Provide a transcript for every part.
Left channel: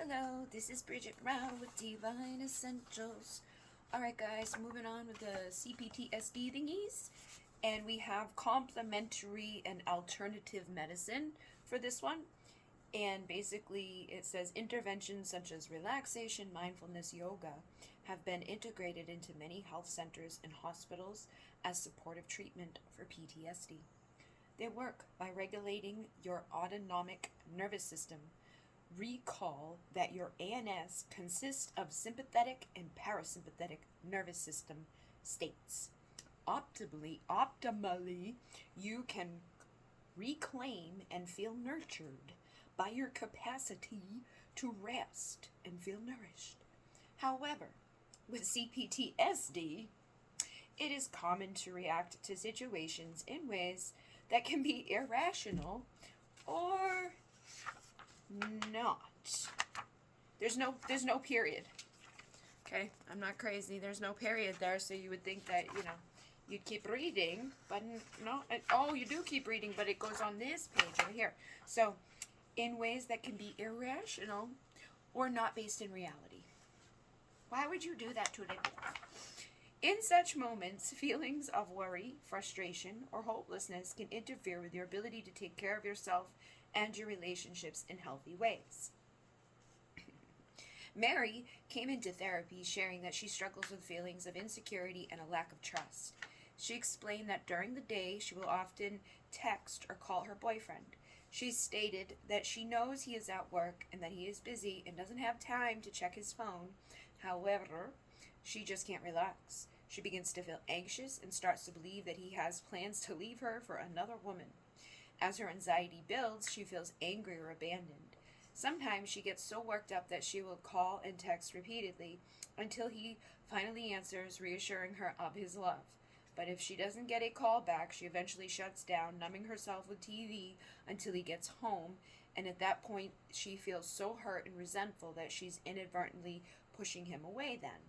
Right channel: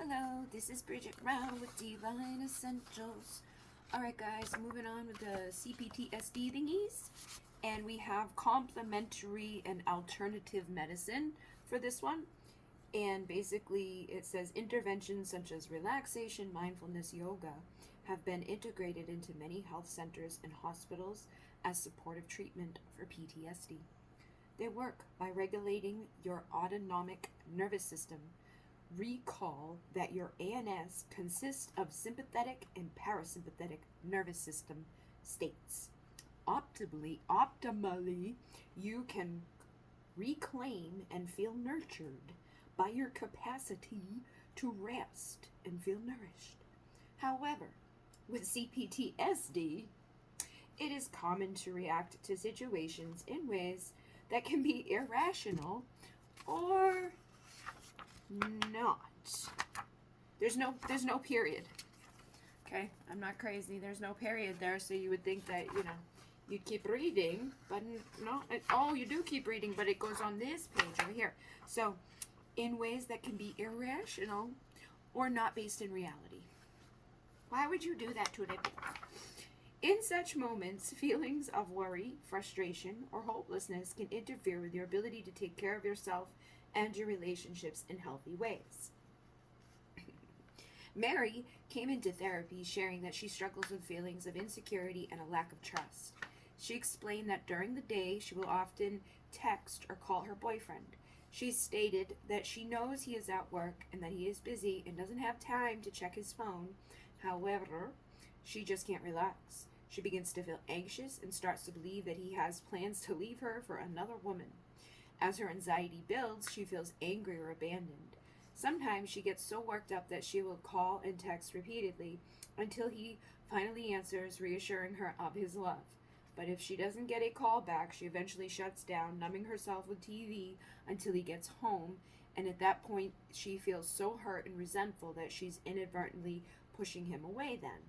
Hello, this is Bridget Brown with Divine Essentials. Alright guys, moving on with the CPTSD thingies. And we have complementary and alternative medicine for this one. And basically it says interventions such as relaxation, mindfulness, yoga have been integrated into many health centers and hospitals as supportive treatment for PTSD. They work by regulating your autonomic nervous system. Recall that your ANS consists of sympathetic and parasympathetic nervous system states. Optimally, you can reclaim and feel nurtured by your capacity to rest and feel nourished. However, with CPTSD, it is common to react to situations in ways that can be irrational or not. There's no period. Okay, I'm not crazy. There's no period there, so you would think that, you'd keep reading, but no. Oh, you do keep reading, but it goes on this page right here. So, in ways that can be irrational or not based in reality. Why would you do that to an individual? In such moments, feelings of worry, frustration, or hopelessness can interfere with your ability to take care of yourself and your relationships in healthy ways. Mary came into therapy sharing that she struggles with feelings of insecurity and a lack of trust. She explained that during the day she will often text or call her boyfriend. She stated that she knows he is at work and that he is busy and doesn't have time to check his phone. However, she just can't relax. She begins to feel anxious and starts to believe that he has plans to leave her for another woman. As her anxiety builds, she feels angry or abandoned. Sometimes she gets so worked up that she will call and text repeatedly until he finally answers, reassuring her of his love. But if she doesn't get a call back, she eventually shuts down, numbing herself with TV until he gets home, and at that point she feels so hurt and resentful that she's inadvertently pushing him away then.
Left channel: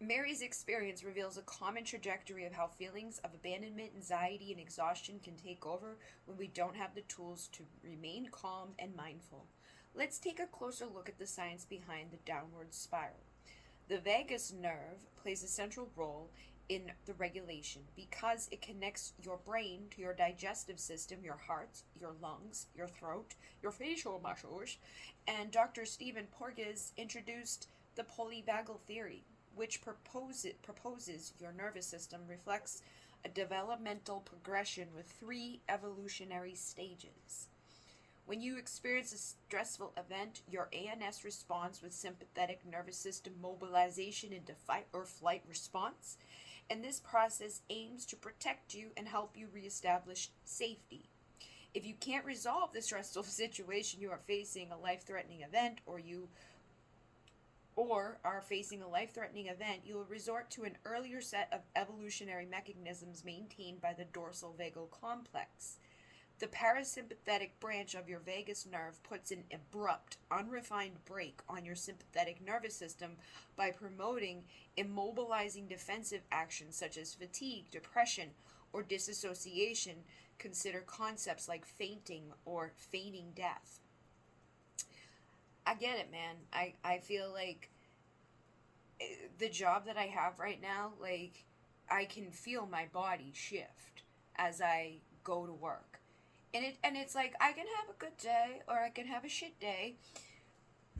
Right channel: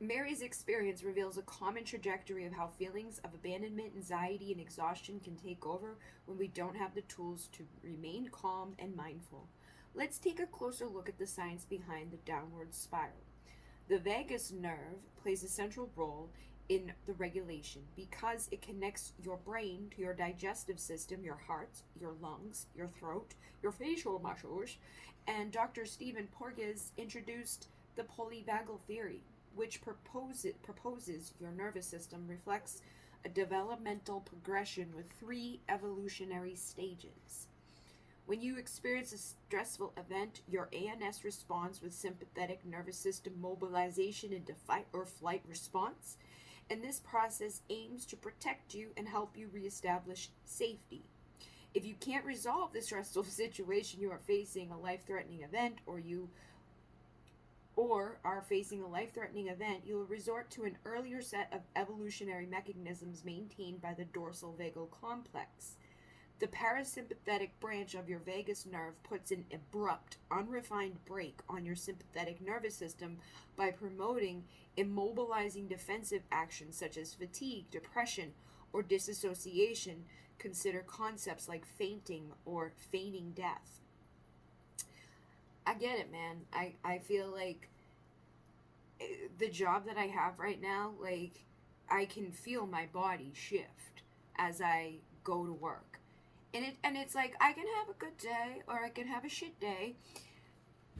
Mary's experience reveals a common trajectory of how feelings of abandonment, anxiety, and exhaustion can take over when we don't have the tools to remain calm and mindful. Let's take a closer look at the science behind the downward spiral. The vagus nerve plays a central role in the regulation because it connects your brain to your digestive system, your heart, your lungs, your throat, your facial muscles, and Dr. Stephen Porges introduced the polyvagal theory, which proposes your nervous system reflects a developmental progression with 3 evolutionary stages. When you experience a stressful event, your ANS responds with sympathetic nervous system mobilization into fight or flight response, and this process aims to protect you and help you reestablish safety. If you can't resolve the stressful situation you are facing a life-threatening event, or are facing a life-threatening event, you will resort to an earlier set of evolutionary mechanisms maintained by the dorsal vagal complex. The parasympathetic branch of your vagus nerve puts an abrupt, unrefined brake on your sympathetic nervous system by promoting immobilizing defensive actions such as fatigue, depression, or disassociation. Consider concepts like fainting or feigning death. I get it, man. I feel like the job that I have right now, like, I can feel my body shift as I go to work. And it's like, I can have a good day or I can have a shit day.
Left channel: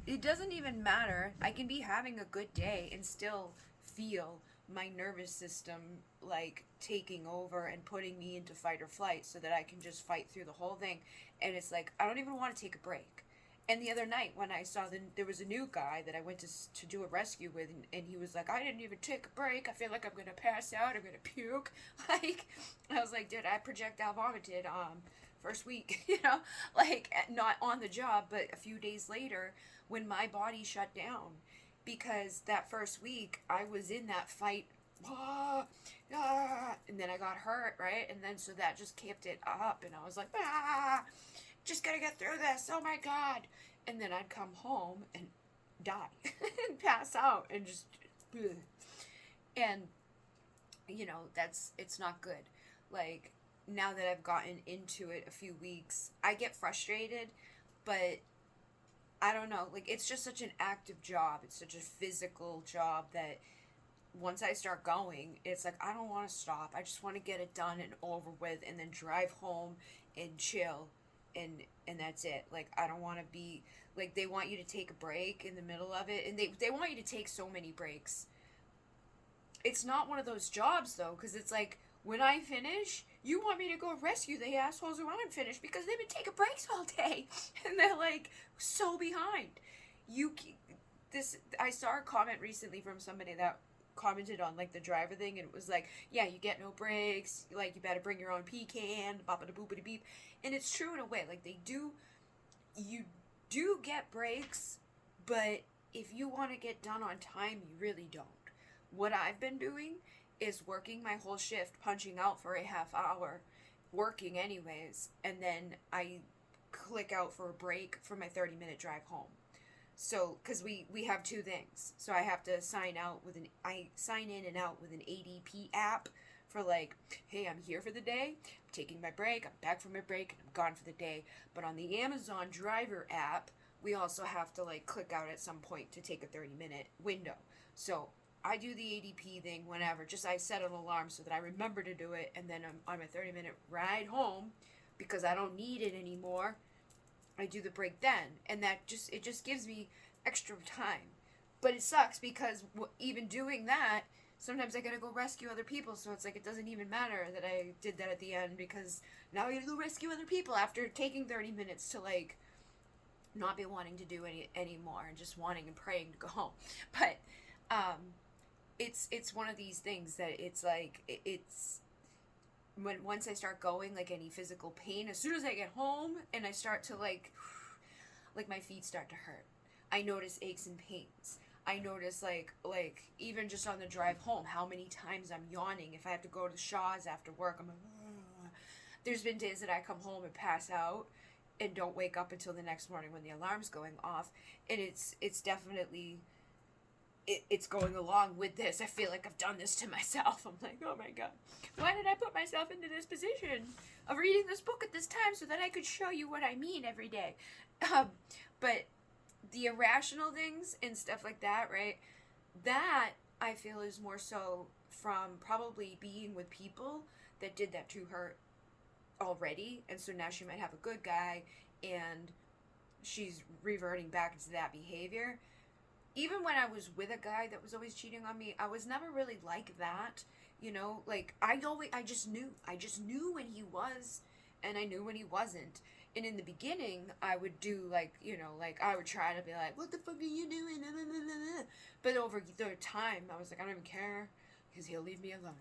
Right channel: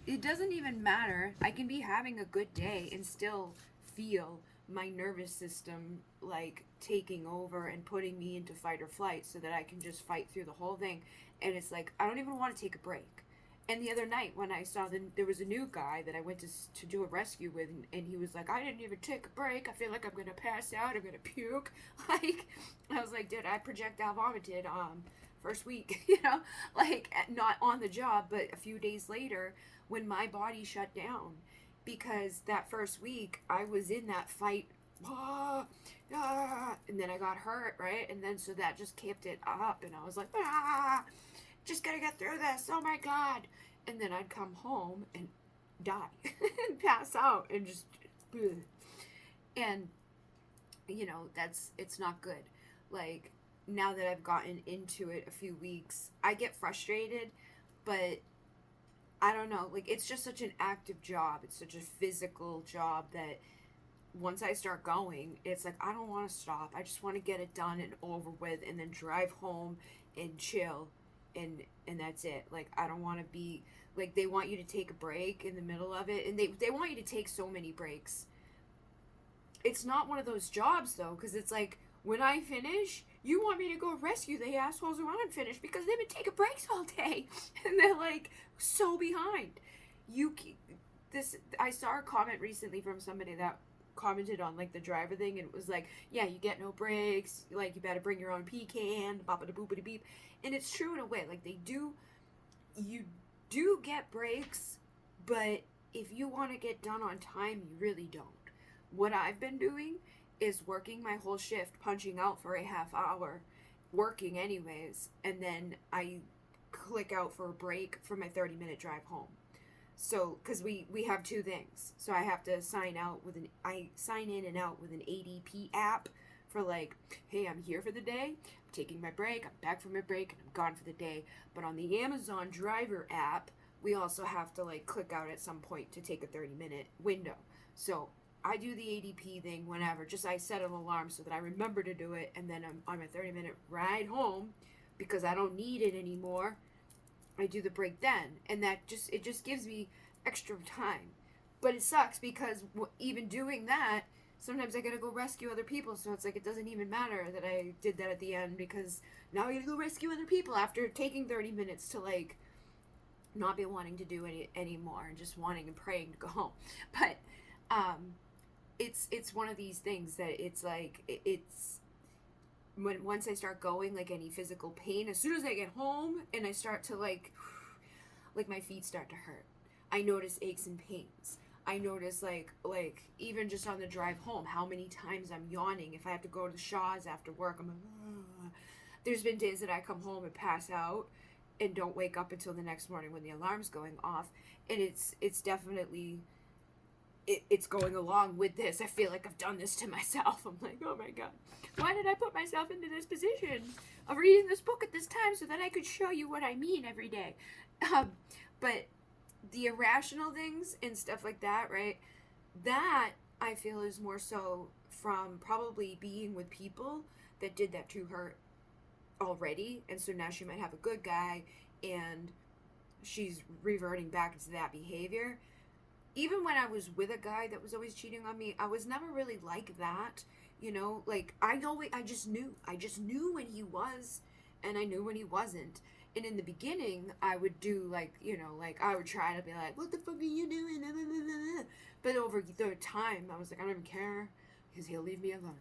It doesn't even matter. I can be having a good day and still feel my nervous system, like, taking over and putting me into fight or flight so that I can just fight through the whole thing. And it's like, I don't even want to take a break. And the other night when I saw there was a new guy that I went to do a rescue with, and he was like, I didn't even take a break. I feel like I'm going to pass out. I'm going to puke. Like, I was like, dude, I projectile vomited first week, like, not on the job, but a few days later when my body shut down. Because that first week I was in that fight, and then I got hurt, right? And then so that just kept it up, and I was like, just gotta get through this, oh my god. And then I'd come home and die and pass out and just bleh. And it's not good. Like, now that I've gotten into it a few weeks, I get frustrated, but I don't know, like, it's just such an active job. It's such a physical job that once I start going, it's like, I don't want to stop. I just want to get it done and over with and then drive home and chill, and that's it. Like, I don't want to be, like, they want you to take a break in the middle of it, and they want you to take so many breaks. It's not one of those jobs, though, because it's like, when I finish, you want me to go rescue the assholes who aren't finished because they've been taking breaks all day, and they're, like, so behind. I saw a comment recently from somebody that commented on, like, the driver thing, and it was like, yeah, you get no breaks, like, you better bring your own pecan, bop-a-da-boop-a-da beep, and it's true in a way. Like, you do get breaks, but if you want to get done on time, you really don't. What I've been doing is working my whole shift, punching out for a half hour, working anyways, and then I click out for a break for my 30-minute drive home. So, because we have two things. So I have to sign in and out with an ADP app for, like, hey, I'm here for the day, I'm taking my break, I'm back from my break, and I'm gone for the day. But on the Amazon driver app, we also have to, like, click out at some point to take a 30-minute window. So I do the ADP thing whenever. Just I set an alarm so that I remember to do it, and then I'm on my 30-minute ride home because I don't need it anymore. I do the break then, and it just gives me extra time. But it sucks because even doing that, sometimes I gotta go rescue other people, so it's like it doesn't even matter that I did that at the end, because now I gotta go rescue other people after taking 30 minutes to, like, not be wanting to do anymore and just wanting and praying to go home. But it's one of these things that it's like, it's once I start going, like, any physical pain, as soon as I get home and I start to, like my feet start to hurt, I notice aches and pains. I notice, like even just on the drive home, how many times I'm yawning. If I have to go to Shaw's after work, I'm like, ugh. There's been days that I come home and pass out and don't wake up until the next morning when the alarm's going off, and it's definitely it's going along with this. I feel like I've done this to myself. I'm like, oh my god, why did I put myself into this position of reading this book at this time so that I could show you what I mean every day? But the irrational things and stuff like that, right? That I feel is more so from probably being with people that did that to her already, and so now she might have a good guy and she's reverting back into that behavior. Even when I was with a guy that was always cheating on me, I was never really like that, you know? Like, I just knew when he was, and I knew when he wasn't. And in the beginning, I would do, like, you know, like, I would try to be like, what the fuck are you doing? But over the time, I was like, I don't even care, because he'll leave me alone.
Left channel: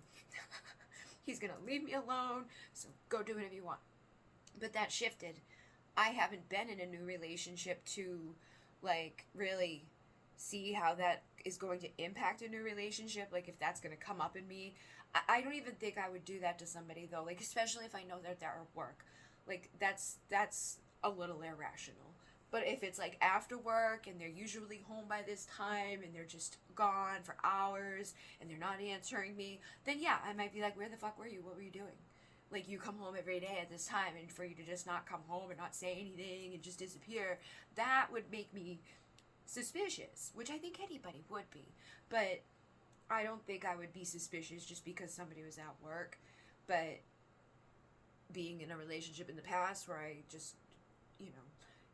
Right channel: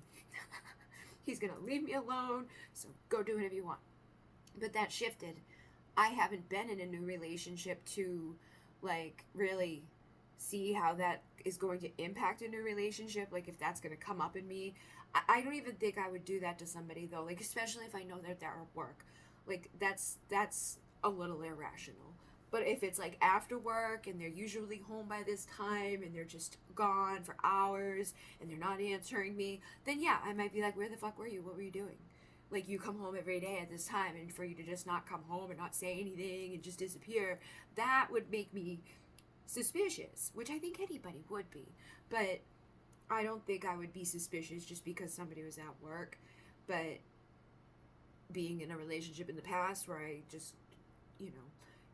He's gonna leave me alone, so go do whatever you want. But that shifted. I haven't been in a new relationship to, like, really see how that is going to impact a new relationship, like, if that's going to come up in me. I don't even think I would do that to somebody, though, like, especially if I know that they're at work. Like, that's a little irrational. But if it's, like, after work, and they're usually home by this time, and they're just gone for hours, and they're not answering me, then yeah, I might be like, where the fuck were you? What were you doing? Like, you come home every day at this time, and for you to just not come home and not say anything and just disappear, that would make me suspicious, which I think anybody would be. But I don't think I would be suspicious just because somebody was at work. But being in a relationship in the past where I just, you know,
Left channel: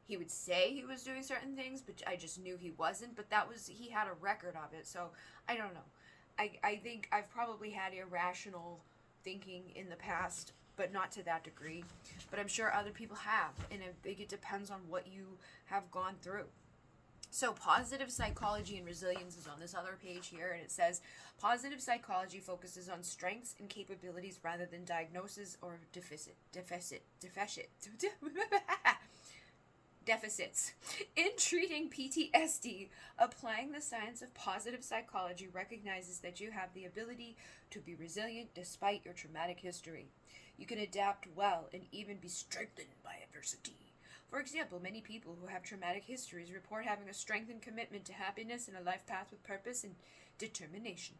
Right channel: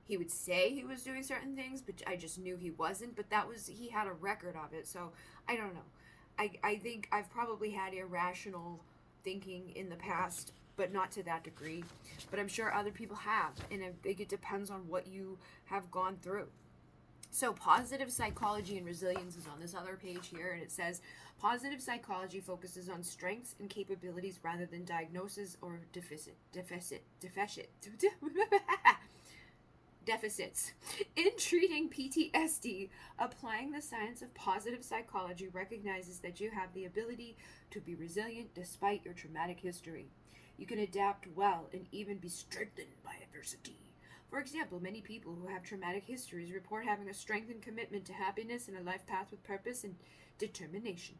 he would say he was doing certain things, but I just knew he wasn't. But he had a record of it, so I don't know. I think I've probably had irrational thinking in the past, but not to that degree. But I'm sure other people have, and I think it depends on what you have gone through. So positive psychology and resilience is on this other page here, and it says, positive psychology focuses on strengths and capabilities rather than diagnosis or deficits. In treating PTSD, applying the science of positive psychology recognizes that you have the ability to be resilient despite your traumatic history. You can adapt well and even be strengthened by adversity. For example, many people who have traumatic histories report having a strengthened commitment to happiness and a life path with purpose and determination.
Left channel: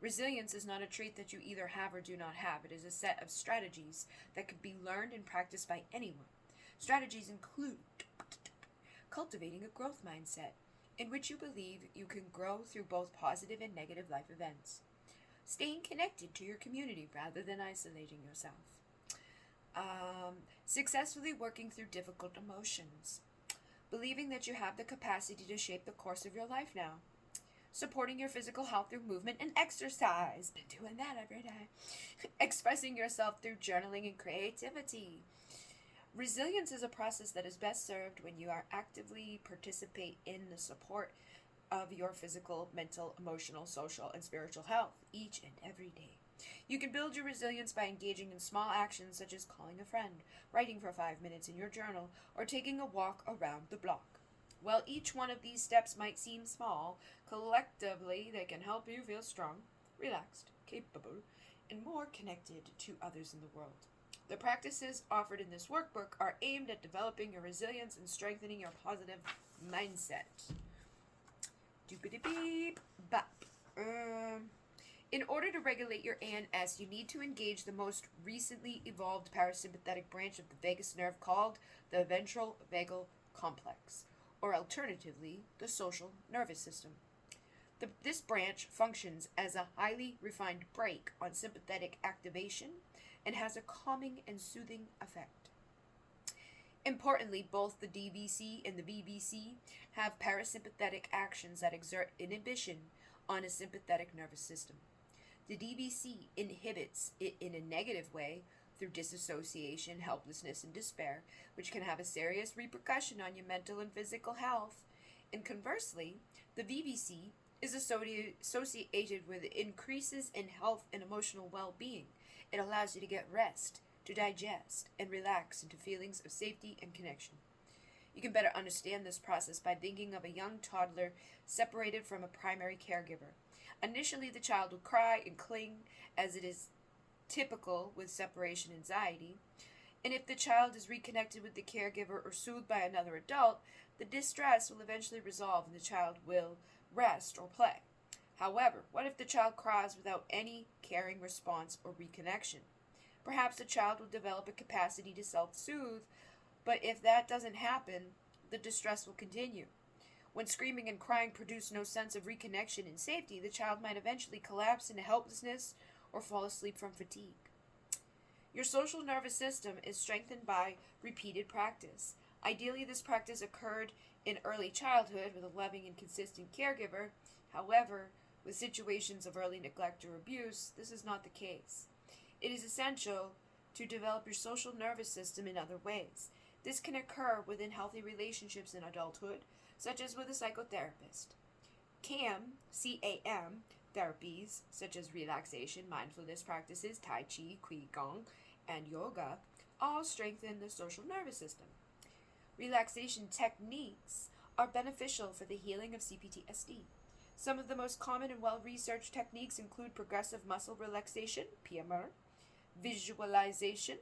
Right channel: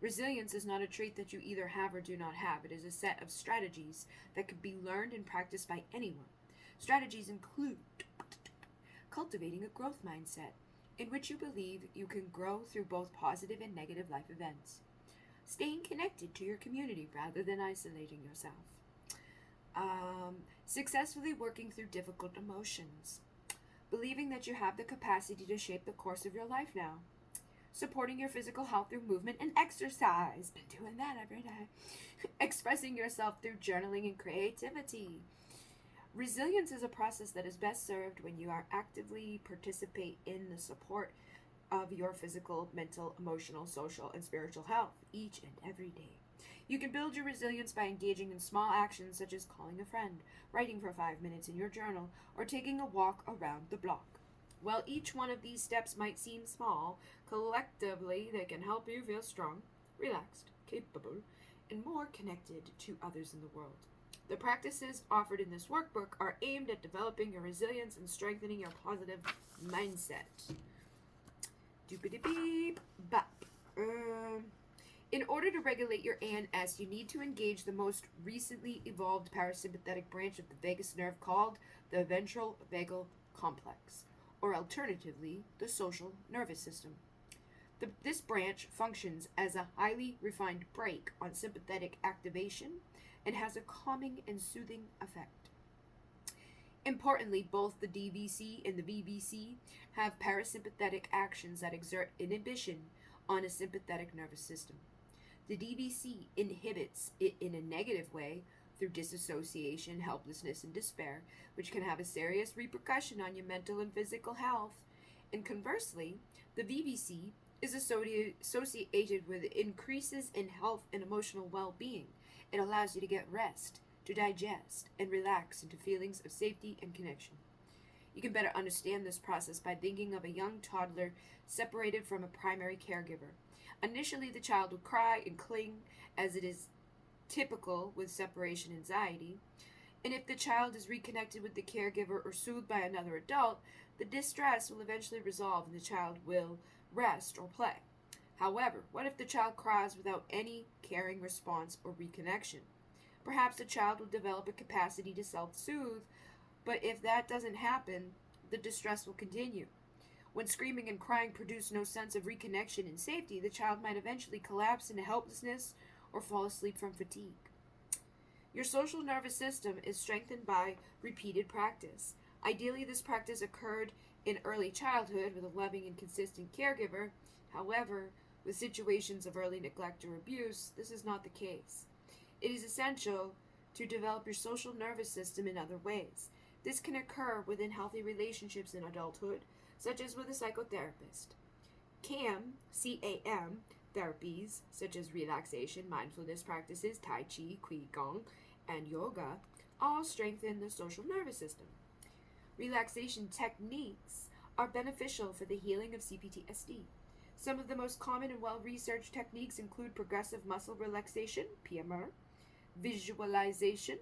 Resilience is not a trait that you either have or do not have. It is a set of strategies that can be learned and practiced by anyone. Strategies include cultivating a growth mindset in which you believe you can grow through both positive and negative life events. Staying connected to your community rather than isolating yourself. Successfully working through difficult emotions. Believing that you have the capacity to shape the course of your life now. Supporting your physical health through movement and exercise. Been doing that every day. Expressing yourself through journaling and creativity. Resilience is a process that is best served when you are actively participate in the support of your physical, mental, emotional, social, and spiritual health each and every day. You can build your resilience by engaging in small actions such as calling a friend, writing for 5 minutes in your journal, or taking a walk around the block. While each one of these steps might seem small, collectively they can help you feel strong, relaxed, capable, and more connected to others in the world. The practices offered in this workbook are aimed at developing your resilience and strengthening your positive mindset. Doopity-beep, bop. In order to regulate your ANS, you need to engage the most recently evolved parasympathetic branch of the vagus nerve called the ventral vagal complex, or alternatively, the social nervous system. This branch functions as a highly refined brake on sympathetic activation and has a calming and soothing effect. Importantly, both the DVC and the VBC have parasympathetic actions that exert inhibition on a sympathetic nervous system. The DVC inhibits it in a negative way through disassociation, helplessness, and despair, which can have a serious repercussion on your mental and physical health. And conversely, the VBC is associated with increases in health and emotional well-being. It allows you to get rest, to digest, and relax into feelings of safety and connection. You can better understand this process by thinking of a young toddler separated from a primary caregiver. Initially, the child will cry and cling, as it is typical with separation anxiety. And if the child is reconnected with the caregiver or soothed by another adult, the distress will eventually resolve and the child will rest or play. However, what if the child cries without any caring response or reconnection? Perhaps the child will develop a capacity to self-soothe, but if that doesn't happen, the distress will continue. When screaming and crying produce no sense of reconnection and safety, the child might eventually collapse into helplessness or fall asleep from fatigue. Your social nervous system is strengthened by repeated practice. Ideally, this practice occurred in early childhood with a loving and consistent caregiver. However, with situations of early neglect or abuse, this is not the case. It is essential to develop your social nervous system in other ways. This can occur within healthy relationships in adulthood, such as with a psychotherapist. CAM therapies, such as relaxation, mindfulness practices, Tai Chi, Qigong, and yoga, all strengthen the social nervous system. Relaxation techniques are beneficial for the healing of CPTSD. Some of the most common and well-researched techniques include progressive muscle relaxation, PMR, visualization,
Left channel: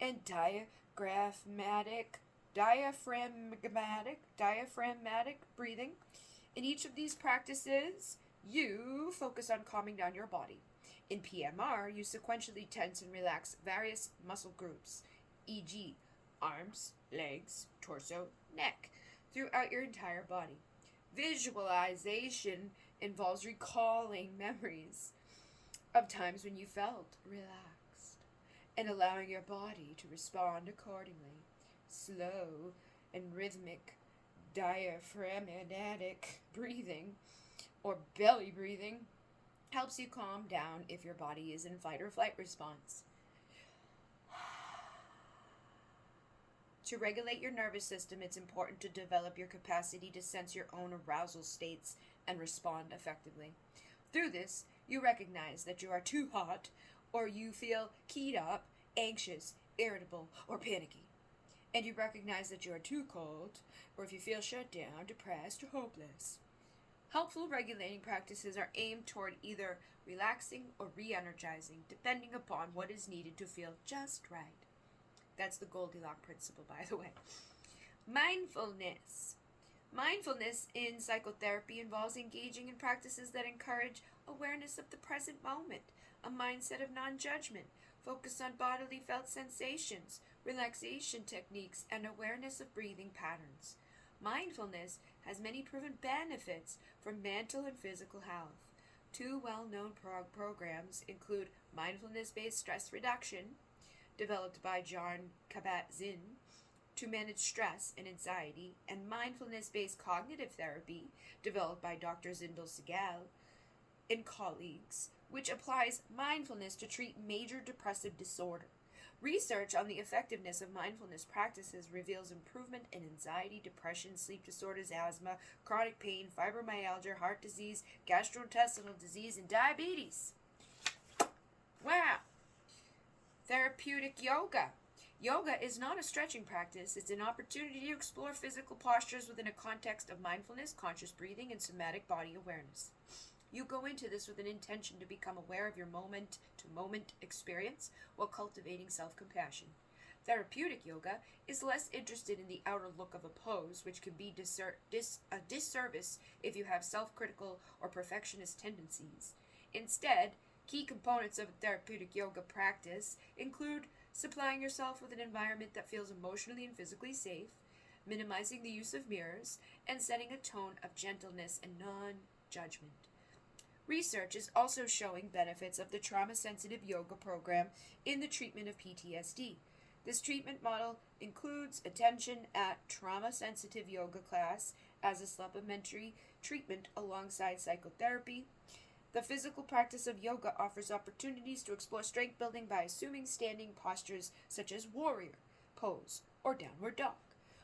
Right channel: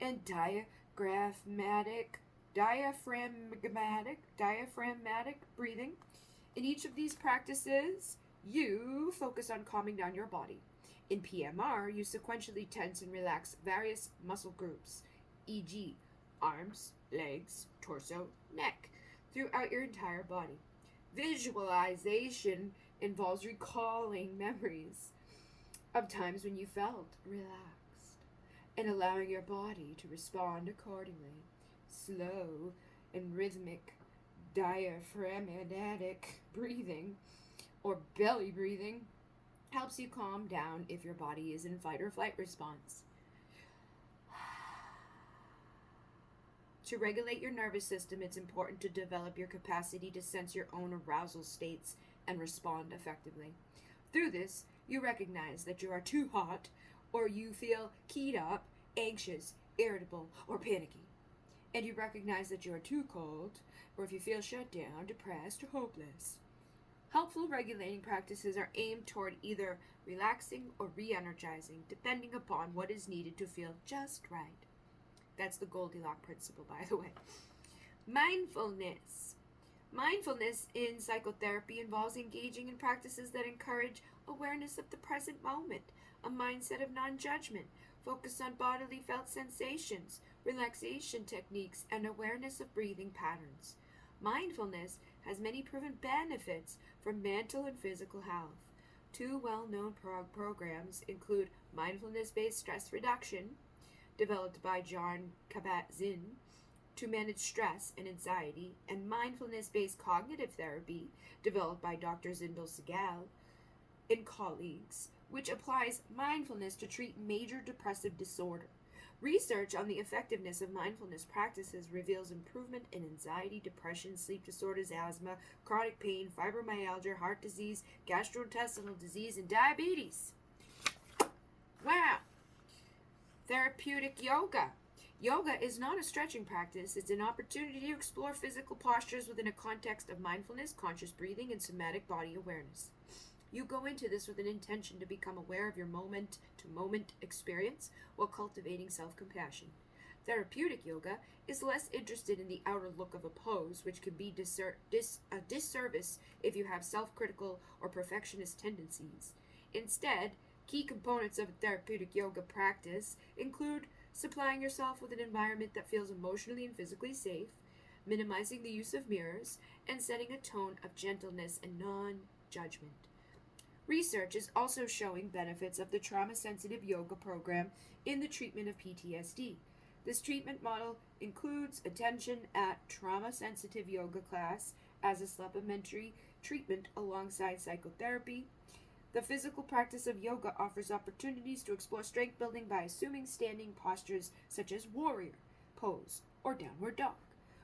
and diaphragmatic breathing. In each of these practices, you focus on calming down your body. In PMR, you sequentially tense and relax various muscle groups, e.g., arms, legs, torso, neck, throughout your entire body. Visualization involves recalling memories of times when you felt relaxed and allowing your body to respond accordingly. Slow and rhythmic diaphragmatic breathing or belly breathing helps you calm down if your body is in fight or flight response. To regulate your nervous system, it's important to develop your capacity to sense your own arousal states and respond effectively. Through this, you recognize that you are too hot, or you feel keyed up, anxious, irritable, or panicky. And you recognize that you are too cold, or if you feel shut down, depressed, or hopeless. Helpful regulating practices are aimed toward either relaxing or re-energizing, depending upon what is needed to feel just right. That's the Goldilocks principle, by the way. Mindfulness. Mindfulness in psychotherapy involves engaging in practices that encourage awareness of the present moment, a mindset of non-judgment, focus on bodily felt sensations, relaxation techniques, and awareness of breathing patterns. Mindfulness has many proven benefits for mental and physical health. Two well-known programs include mindfulness-based stress reduction, developed by John Kabat-Zinn to manage stress and anxiety, and mindfulness-based cognitive therapy, developed by Dr. Zindel Segal and colleagues, which applies mindfulness to treat major depressive disorder. Research on the effectiveness of mindfulness practices reveals improvement in anxiety, depression, sleep disorders, asthma, chronic pain, fibromyalgia, heart disease, gastrointestinal disease, and diabetes. Wow! Therapeutic yoga. Yoga is not a stretching practice. It's an opportunity to explore physical postures within a context of mindfulness, conscious breathing, and somatic body awareness. You go into this with an intention to become aware of your moment-to-moment experience while cultivating self-compassion. Therapeutic yoga is less interested in the outer look of a pose, which can be a disservice if you have self-critical or perfectionist tendencies. Instead, key components of a therapeutic yoga practice include supplying yourself with an environment that feels emotionally and physically safe, minimizing the use of mirrors, and setting a tone of gentleness and non-judgment. Research is also showing benefits of the trauma-sensitive yoga program in the treatment of PTSD. This treatment model includes attention at trauma-sensitive yoga class as a supplementary treatment alongside psychotherapy. The physical practice of yoga offers opportunities to explore strength building by assuming standing postures such as warrior pose or downward dog.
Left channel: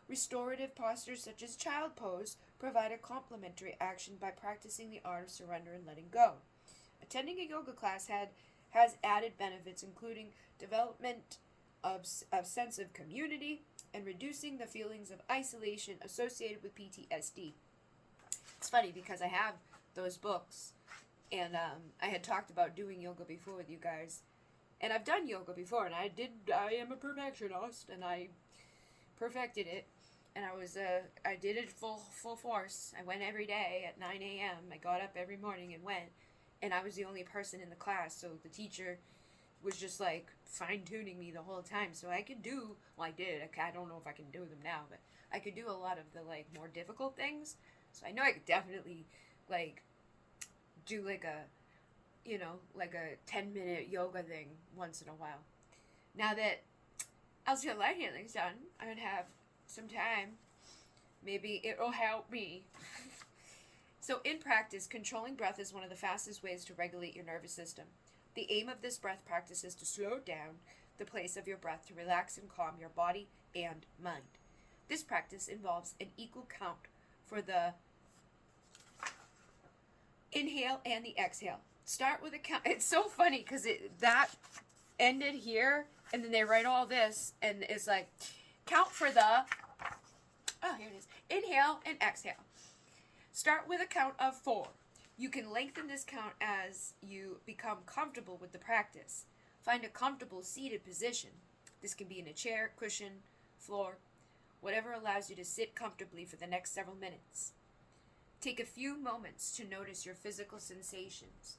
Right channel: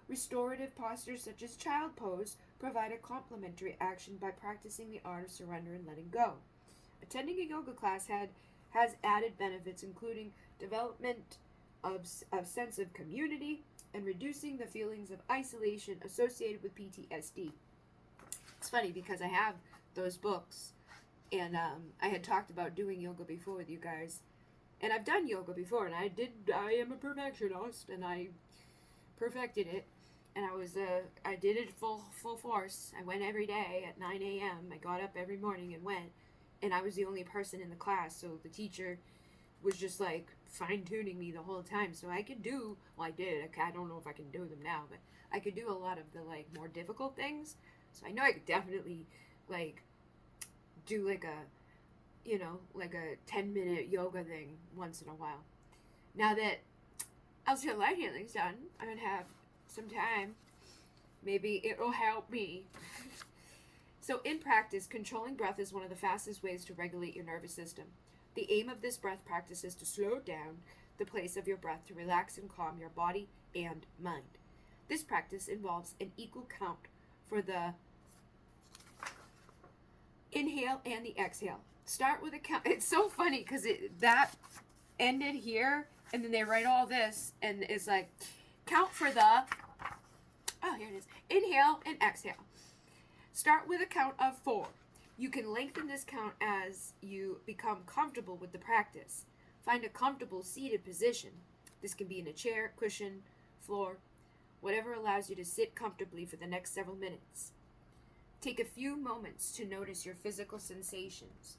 Restorative postures such as child pose provide a complementary action by practicing the art of surrender and letting go. Attending a yoga class has added benefits including development of sense of community and reducing the feelings of isolation associated with PTSD. It's funny because I have those books, and I had talked about doing yoga before with you guys, and I've done yoga before, and I am a perfectionist, and I perfected it, and I did it full force. I went every day at 9 a.m. I got up every morning and went, and I was the only person in the class, so the teacher was just like fine-tuning me the whole time, so I could do, well, I did, I don't know if I can do them now, but I could do a lot of the like more difficult things, so I know I could definitely like do like a 10-minute yoga thing once in a while. Now that Alcyone Light Healing's done, I'm gonna have some time. Maybe it'll help me. So in practice, controlling breath is one of the fastest ways to regulate your nervous system. The aim of this breath practice is to slow down the pace of your breath to relax and calm your body and mind. This practice involves an equal count for the inhale and the exhale. Start with a count. It's so funny because that ended here, and then they write all this, and it's like, count for the, here it is, inhale and exhale. Start with a count of 4. You can lengthen this count as you become comfortable with the practice. Find a comfortable seated position. This can be in a chair, cushion, floor, whatever allows you to sit comfortably for the next several minutes. Take a few moments to notice your physical sensations.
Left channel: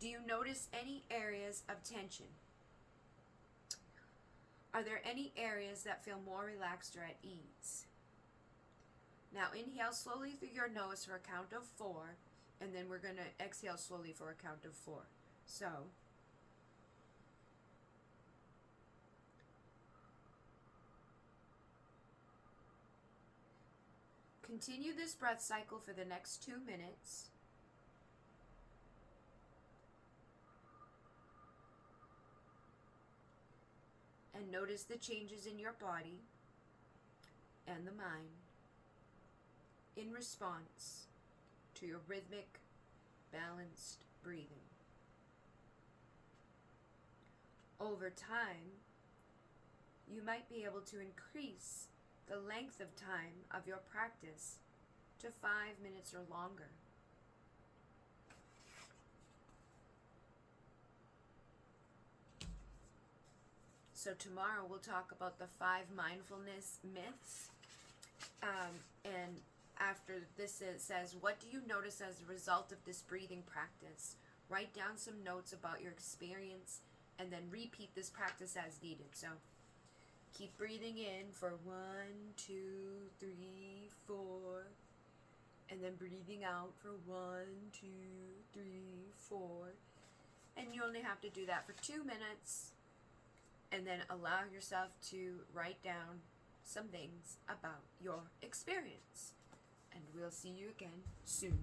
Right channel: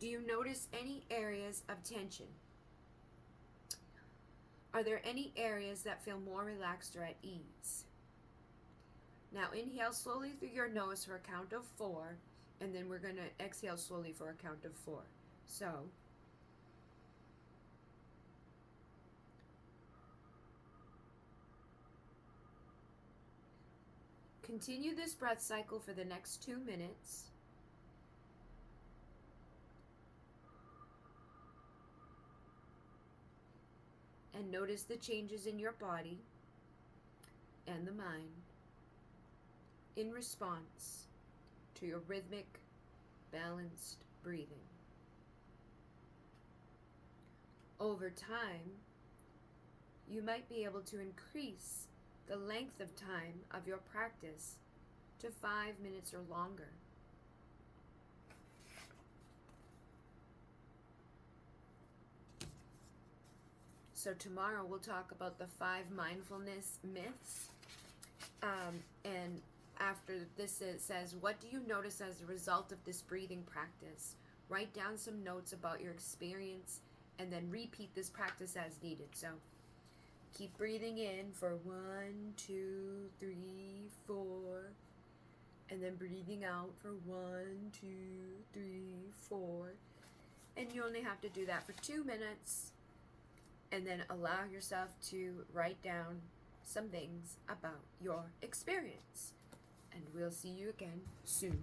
Do you notice any areas of tension? Are there any areas that feel more relaxed or at ease? Now inhale slowly through your nose for a count of 4, and then we're going to exhale slowly for a count of 4. So, continue this breath cycle for the next 2 minutes. And notice the changes in your body and the mind in response to your rhythmic, balanced breathing. Over time, you might be able to increase the length of time of your practice to 5 minutes or longer. So tomorrow we'll talk about the 5 mindfulness myths. And after this, it says, what do you notice as a result of this breathing practice? Write down some notes about your experience and then repeat this practice as needed. So keep breathing in for 1, 2, 3, and then breathing out for 1, 2, 3, 4. And you only have to do that for 2 minutes, and then allow yourself to write down some things about your experience. And we'll see you again soon.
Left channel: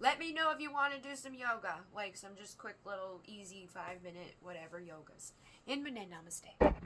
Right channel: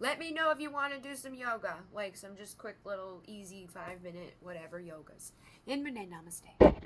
Let me know if you want to do some yoga, like some just quick little easy 5-minute whatever yogas. In Namaste.